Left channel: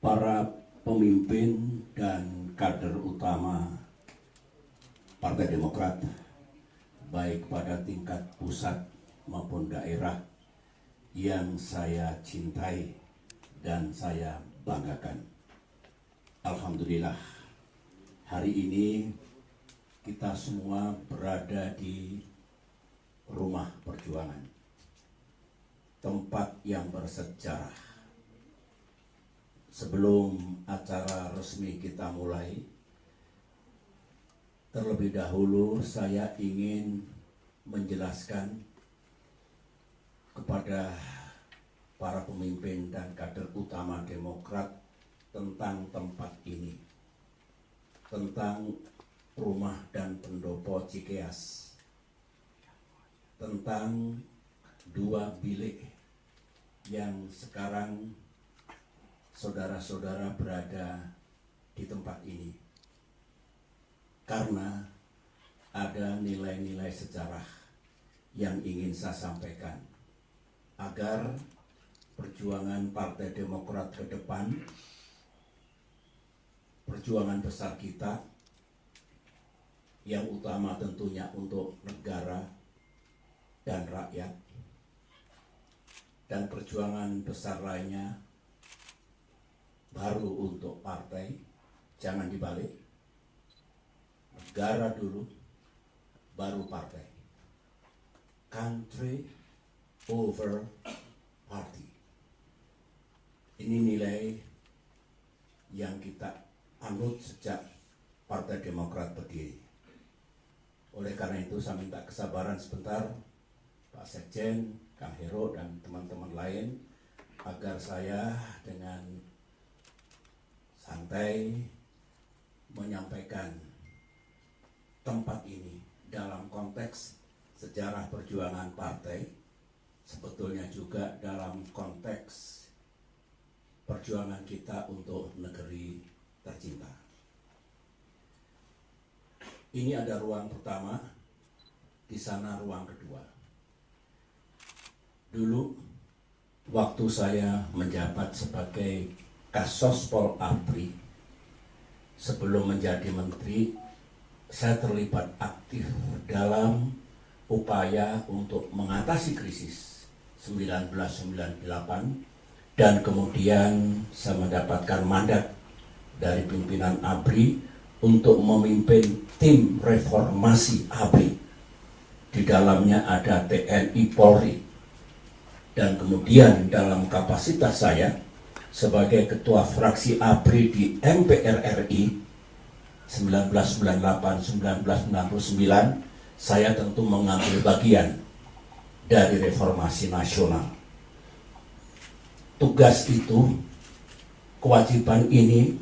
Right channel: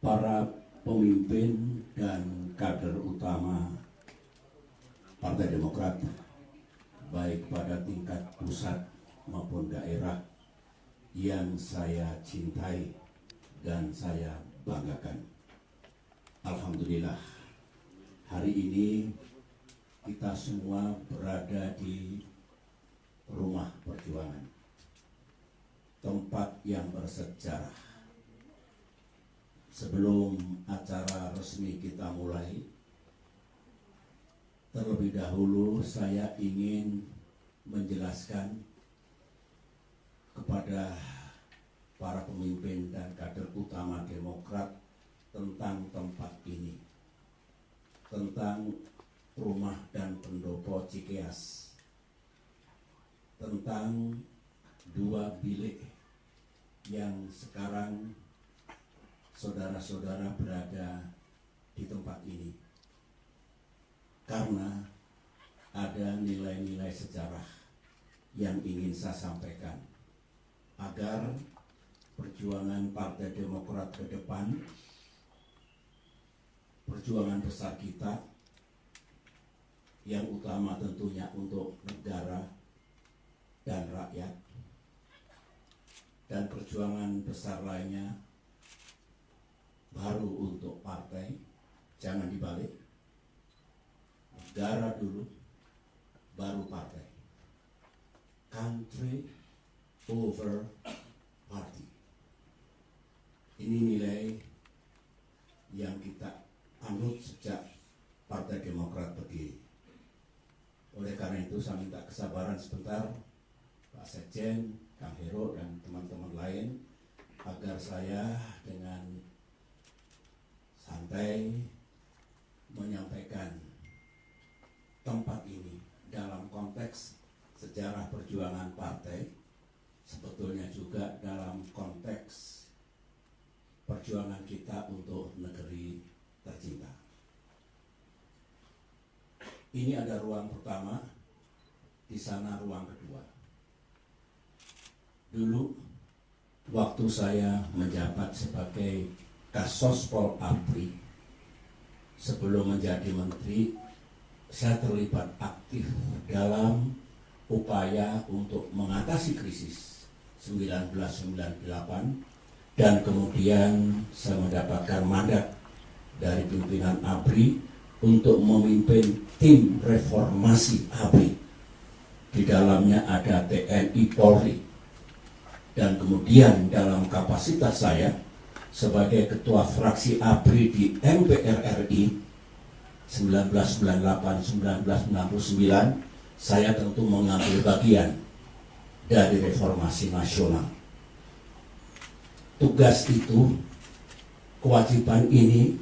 para pemimpin dan kader utama Partai Demokrat, baik pada tingkat pusat maupun daerah, yang saya cintai dan saya banggakan. Alhamdulillah, hari ini kita semua berada di rumah perjuangan, tempat yang bersejarah. Sebelum acara resmi kita mulai, terlebih dahulu saya ingin menjelaskan kepada para pemimpin dan kader utama Demokrat tentang tempat ini, tentang rumah dan pendopo Cikeas, tentang 2 bilik yang sekarang saudara-saudara berada di tempat ini, karena ada nilai-nilai sejarah yang ingin saya sampaikan agar perjuangan Partai Demokrat ke depan, perjuangan besar kita yang utama tentunya untuk negara dan rakyat, dan perjuangan besar lainnya baru untuk partai. Jangan dibalik, negara dulu baru partai. Country over party. Ini nilai yang kita anut sejak Partai Demokrat berdiri. Oleh karena itu saya minta kesabaran sebentar Pak Sekjen, Kang Hero dan teman-teman lain, agar saya dengan santai menyampaikan tempat ini dalam konteks sejarah perjuangan partai, sebetulnya juga dalam konteks perjuangan kita untuk negeri tercinta. Ini ada ruang pertama, di sana ruang kedua. Dulu waktu saya menjabat sebagai Kasospol ABRI, sebelum menjadi menteri, saya terlibat aktif dalam upaya untuk mengatasi krisis 1998, dan kemudian saya mendapatkan mandat dari pimpinan ABRI untuk memimpin tim reformasi ABRI. Di dalamnya ada TNI Polri, dan kemudian dalam kapasitas saya sebagai ketua fraksi ABRI di MPR RI 1998-1999, saya tentu mengambil bagian dari reformasi nasional. Tugas itu, kewajiban ini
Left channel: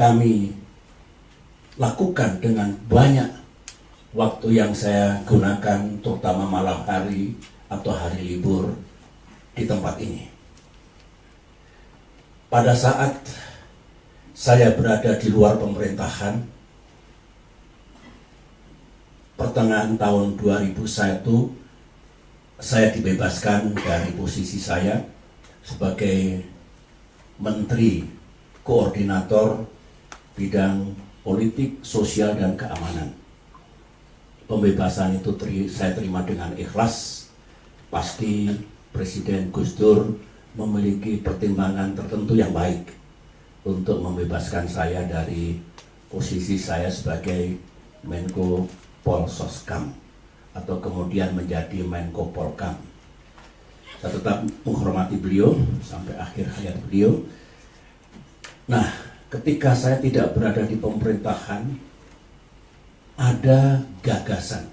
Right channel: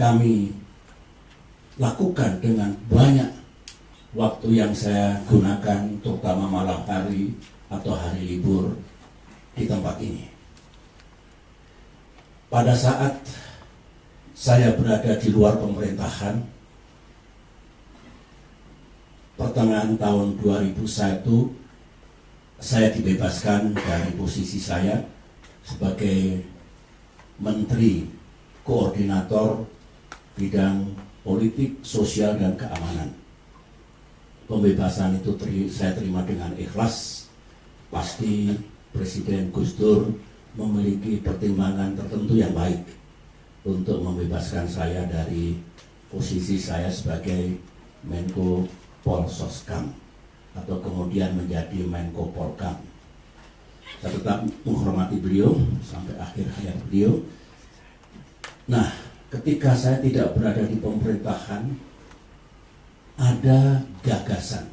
kami lakukan dengan banyak waktu yang saya gunakan, terutama malam hari atau hari libur di tempat ini. Pada saat saya berada di luar pemerintahan, pertengahan tahun 2001, saya dibebaskan dari posisi saya sebagai Menteri Koordinator Bidang Politik, Sosial, dan Keamanan. Pembebasan itu saya terima dengan ikhlas. Pasti Presiden Gus Dur memiliki pertimbangan tertentu yang baik untuk membebaskan saya dari posisi saya sebagai Menko Polsoskam atau kemudian menjadi Menko Polkam. Saya tetap menghormati beliau sampai akhir hayat beliau. Nah, ketika saya tidak berada di pemerintahan, ada gagasan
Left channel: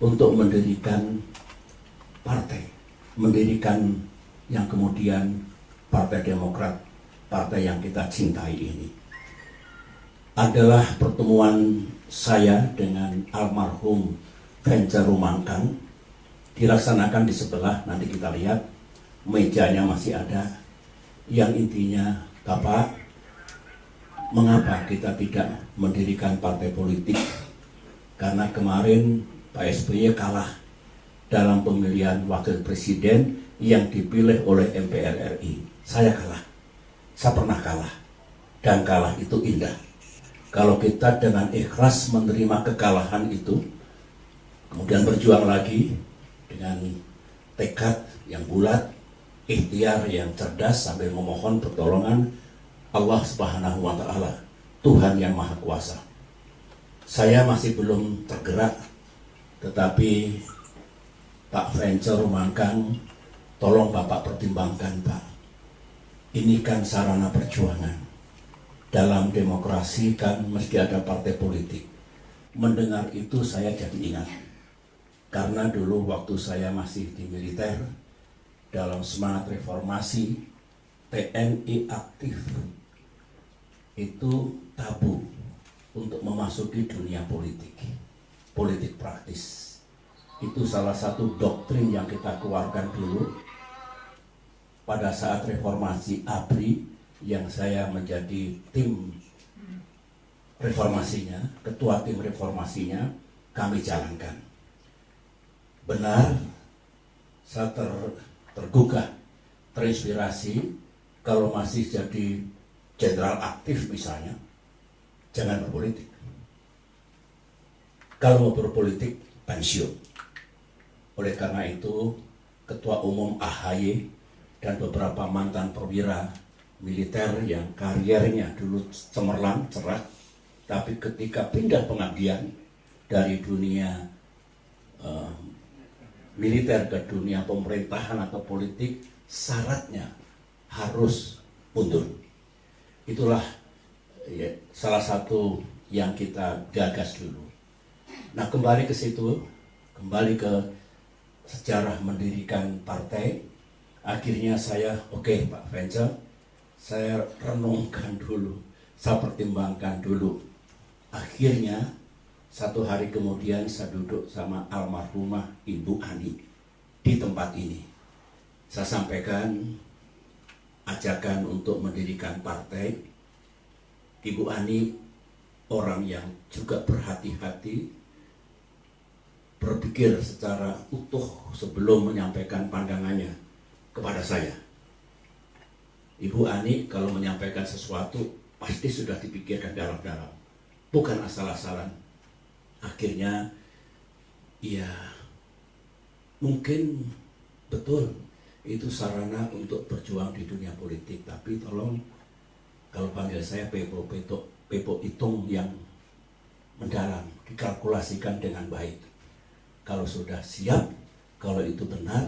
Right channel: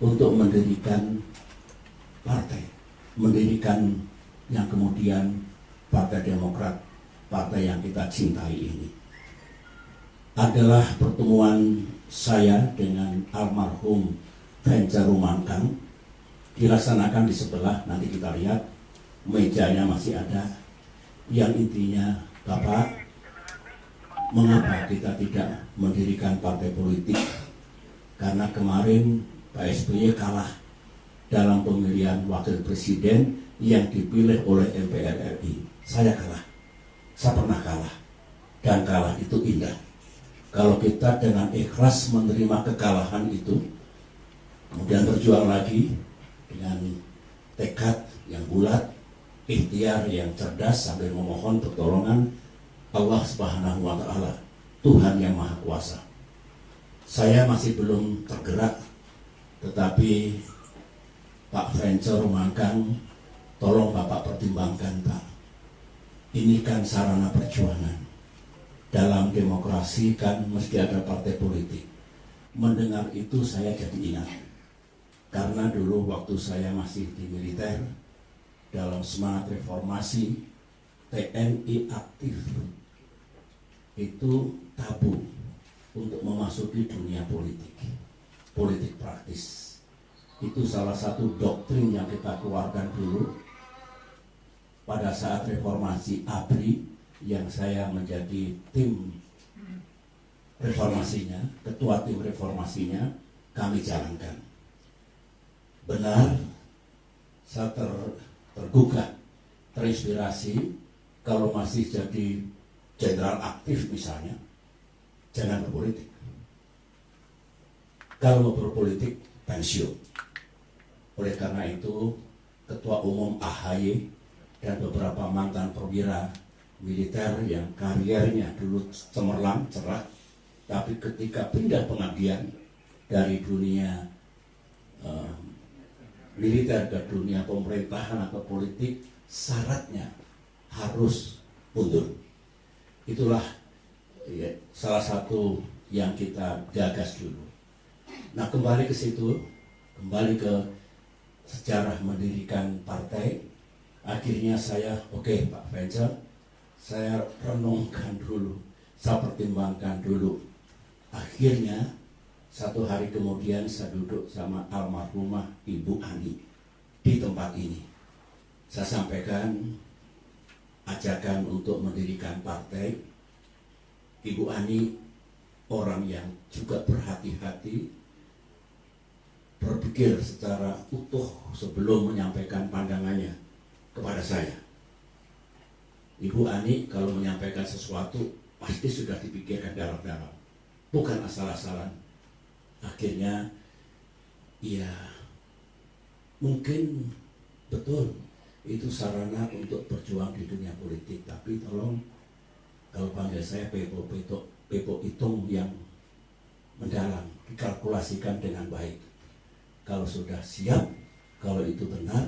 untuk mendirikan partai, mendirikan yang kemudian Partai Demokrat, partai yang kita cintai ini. Adalah pertemuan saya dengan almarhum Venca Rumangkang, dilaksanakan di sebelah, nanti kita lihat mejanya masih ada, yang intinya, Bapak, mengapa kita tidak mendirikan partai politik? Karena kemarin Pak SBY kalah dalam pemilihan wakil presiden yang dipilih oleh MPR RI. Saya kalah. Saya pernah kalah, dan kalah itu indah. Kalau kita dengan ikhlas menerima kekalahan itu, kemudian berjuang lagi dengan tekad yang bulat, ikhtiar yang cerdas sambil memohon pertolongan Allah Subhanahu wa Ta'ala, Tuhan yang Maha Kuasa. Saya masih belum tergerak, tetapi Pak Venture Mangkang, tolong Bapak pertimbangkan, Pak. Ini kan sarana perjuangan. Dalam demokrasi kan mesti ada partai politik. Mendengar itu saya jadi ingat. Karena dulu waktu saya masih di militer, dalam semangat reformasi, TNI aktif itu tabu untuk memasuki dunia politik. Politik praktis. Itu salah satu doktrin yang kita keluarkan dulu pada saat reformasi ABRI yang saya menjadi tim reformasinya, ketua tim reformasinya, kami jalankan. Benar, saya tergugah, terinspirasi, kalau masih jadi jenderal aktif misalnya, jangan berpolitik. Kalau mau berpolitik, pensiun. Oleh karena itu, Ketua Umum AHY dan beberapa mantan perwira militer yang kariernya dulu cemerlang, cerah, tapi ketika pindah pengabdian dari dunia militer ke dunia pemerintahan atau politik, syaratnya harus mundur. Itulah ya, salah satu yang kita gagas dulu. Nah, kembali ke situ, kembali ke sejarah mendirikan partai. Akhirnya saya, oke, Pak Venture, saya renungkan dulu, saya pertimbangkan dulu. Akhirnya satu hari kemudian saya duduk sama almarhumah Ibu Ani di tempat ini. Saya sampaikan ajakan untuk mendirikan partai. Ibu Ani orang yang juga berhati-hati, berpikir secara utuh sebelum menyampaikan pandangannya kepada saya. Ibu Ani kalau menyampaikan sesuatu pasti sudah dipikirkan dalam-dalam, bukan asal-asalan. Akhirnya ya mungkin betul itu sarana untuk berjuang di dunia politik, tapi tolong kalau panggil saya Pepo hitung yang mendalam, dikalkulasikan dengan baik. Kalau sudah siap, kalau itu benar,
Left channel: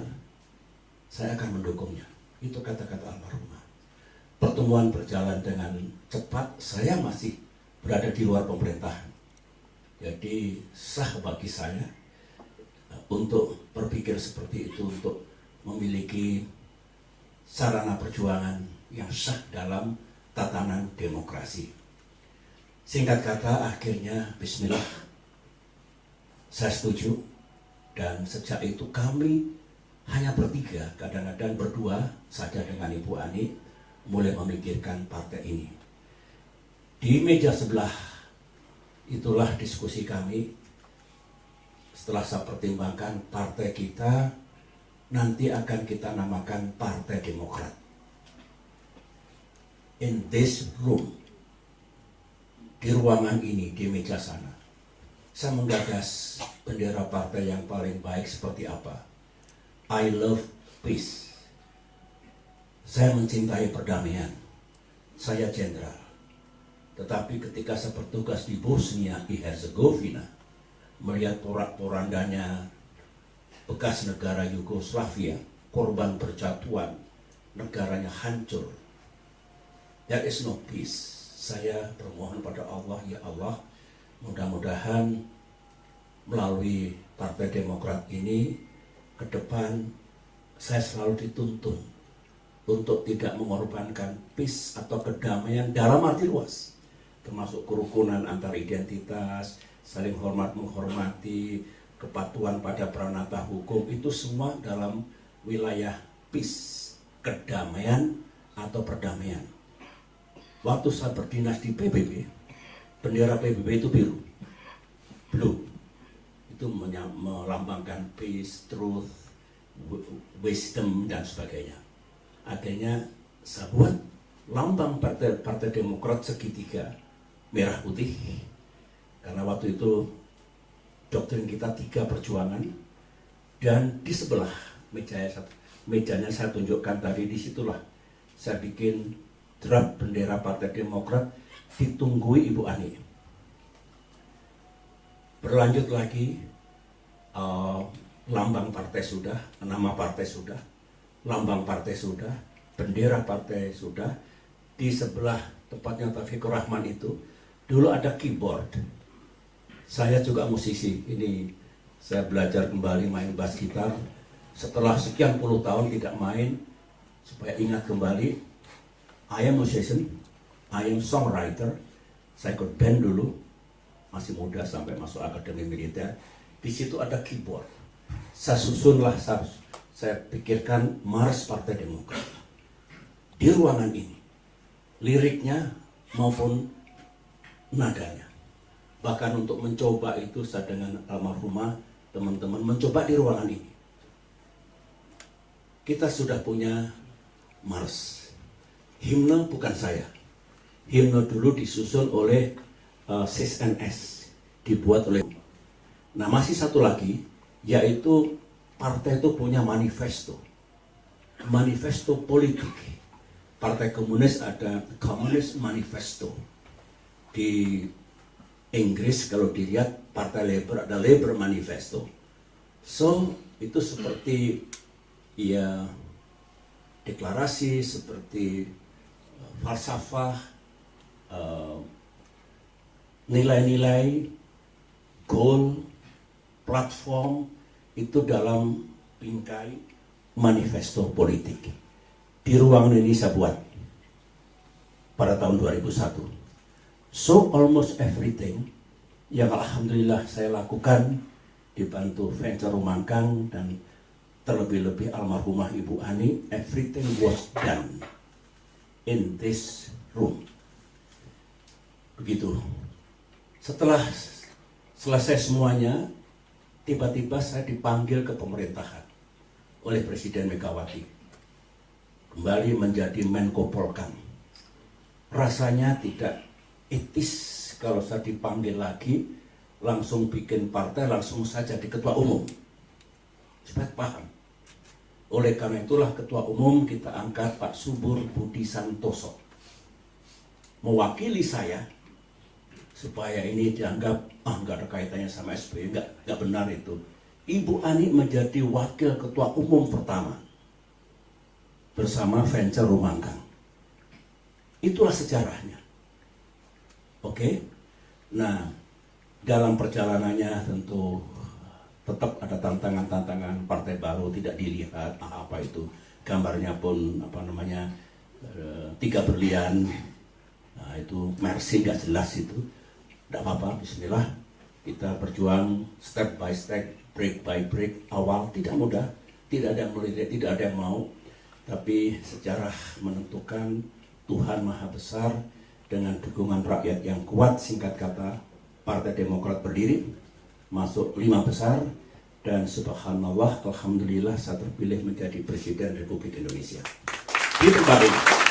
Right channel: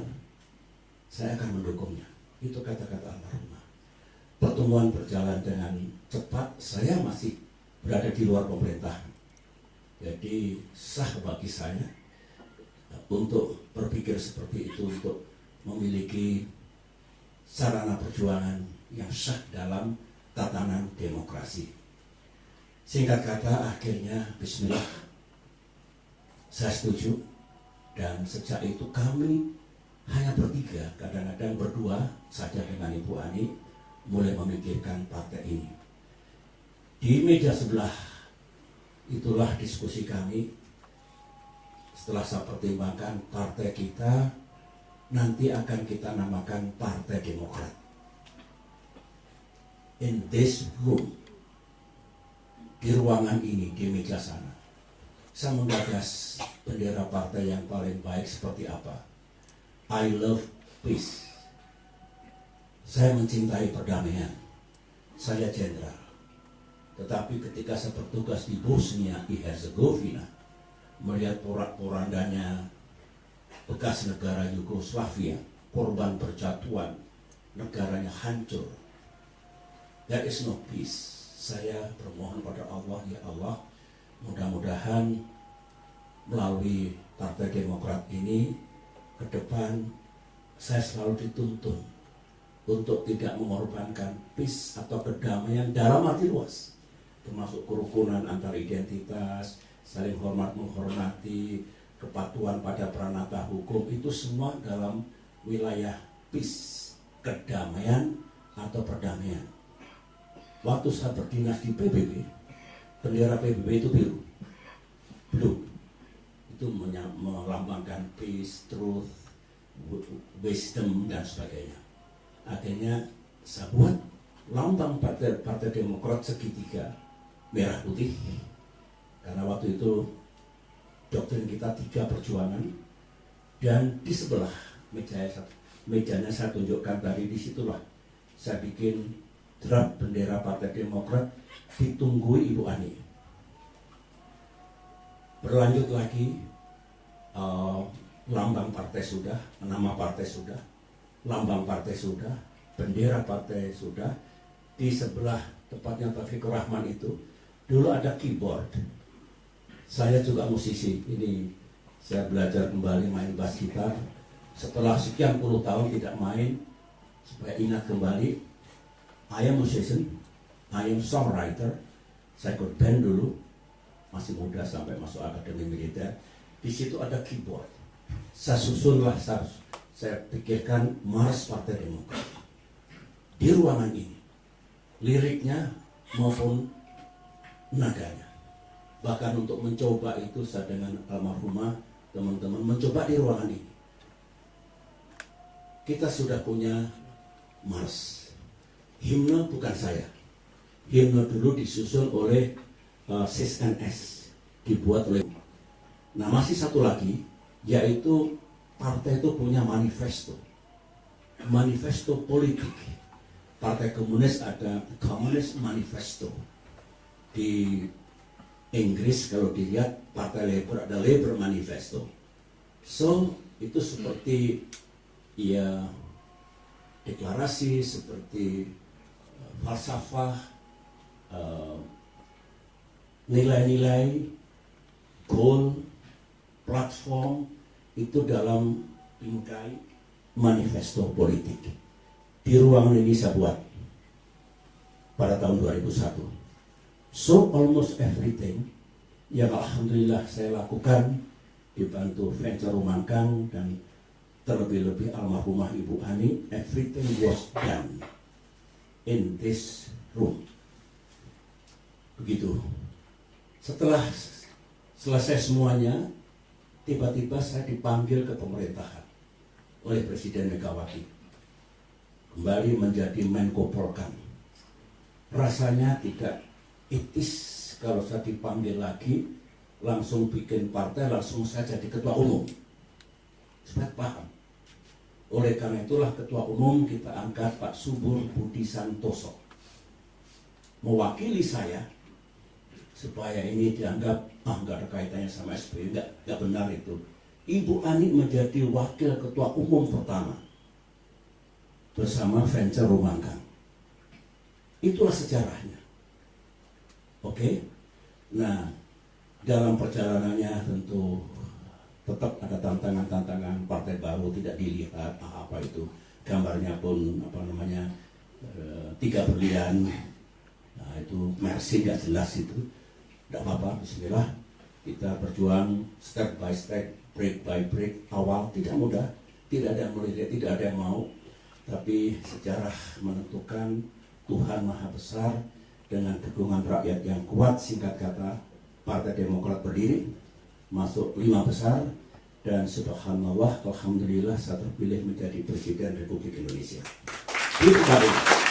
saya akan mendukungnya. Itu kata-kata almarhumah. Pertemuan berjalan dengan cepat, saya masih berada di luar pemerintahan. Jadi sah bagi saya untuk berpikir seperti itu, untuk memiliki sarana perjuangan yang sah dalam tatanan demokrasi. Singkat kata, akhirnya bismillah, saya setuju. Dan sejak itu kami hanya bertiga, kadang-kadang berdua saja dengan Ibu Ani, mulai memikirkan partai ini. Di meja sebelah, itulah diskusi kami. Setelah saya pertimbangkan, partai kita nanti akan kita namakan Partai Demokrat. In this room, di ruangan ini, di meja sana, saya menggagas bendera partai yang paling baik seperti apa. I love peace. Saya mencintai perdamaian. Saya jenderal. Tetapi ketika saya bertugas di Bosnia, di Herzegovina, melihat porak-porandanya bekas negara Yugoslavia, korban percatuan, negaranya hancur. There is no peace. Saya bermohon pada Allah, ya Allah, mudah-mudahan melalui Partai Demokrat ini ke depan saya selalu dituntun untuk tidak mengorbankan peace atau kedamaian dalam arti luas, termasuk kerukunan antar identitas, saling hormat menghormati, kepatuhan pada pranata hukum, itu semua dalam wilayah peace, kedamaian atau perdamaian. Waktu saya berdinas di PBB, bendera PBB itu biru, blue, itu melambangkan peace, truth, wisdom dan sebagainya. Akhirnya saya buat lambang Partai Demokrat segitiga merah putih, karena waktu itu doktrin kita 3 perjuangan. Dan di sebelah mejanya saya tunjukkan tadi, disitulah saya bikin draft bendera Partai Demokrat, ditunggui Ibu Ani. Berlanjut lagi, lambang partai sudah, nama partai sudah, lambang partai sudah, bendera partai sudah. Di sebelah tempatnya Taufikur Rahman itu dulu ada keyboard. Saya juga musisi, ini saya belajar kembali main bass gitar setelah sekian puluh tahun tidak main, supaya ingat kembali. I am musician, I am songwriter. Saya ikut band dulu, masih muda sampai masuk akademi militer. Di situ ada keyboard. Saya susunlah, saya pikirkan Mars Partai Demokrat di ruangan ini, liriknya maupun nadanya. Bahkan untuk mencoba itu saya dengan almarhumah teman-teman mencoba di ruangan ini. Kita sudah punya Mars. Himne bukan saya. Himne dulu disusun oleh CSNS, dibuat oleh. Nah, masih satu lagi, yaitu partai itu punya manifesto. Manifesto politik. Partai Komunis ada Communist Manifesto. Di Inggris kalau dilihat Partai Labour ada Labour Manifesto. So, itu seperti ya deklarasi, seperti falsafah, nilai-nilai, goal, platform, itu dalam bingkai manifesto politik. Di ruang ini saya buat pada tahun 2001. So almost everything yang alhamdulillah saya lakukan dibantu Venture Rumangkang dan terlebih-lebih almarhumah Ibu Ani, everything was done in this room. Begitu. Setelah selesai semuanya, tiba-tiba saya dipanggil ke pemerintahan oleh Presiden Megawati, kembali menjadi Menko Polkam. Rasanya tidak etis kalau saya dipanggil lagi, langsung bikin partai, langsung saya jadi ketua umum. Supaya paham. Oleh karena itulah ketua umum kita angkat Pak Subur Budi Santoso, mewakili saya, supaya ini dianggap nggak ada kaitannya sama SBY. Nggak benar itu. Ibu Ani menjadi wakil ketua umum pertama bersama Venture Rumangkang. Itulah sejarahnya. Oke. Nah, dalam perjalanannya tentu tetap ada tantangan-tantangan. Partai baru tidak dilihat apa itu, gambarnya pun tiga berlian. Nah, itu Mercy nggak jelas itu. Tidak apa-apa, bismillah. Kita berjuang step by step, break by break. Awal tidak mudah, tidak ada yang melihat, tidak ada yang mau. Tapi sejarah menentukan, Tuhan Maha Besar dengan dukungan rakyat yang kuat. Singkat kata, Partai Demokrat berdiri, masuk 5 besar, dan subhanallah, alhamdulillah saya terpilih menjadi Presiden Republik Indonesia. Itu Pak.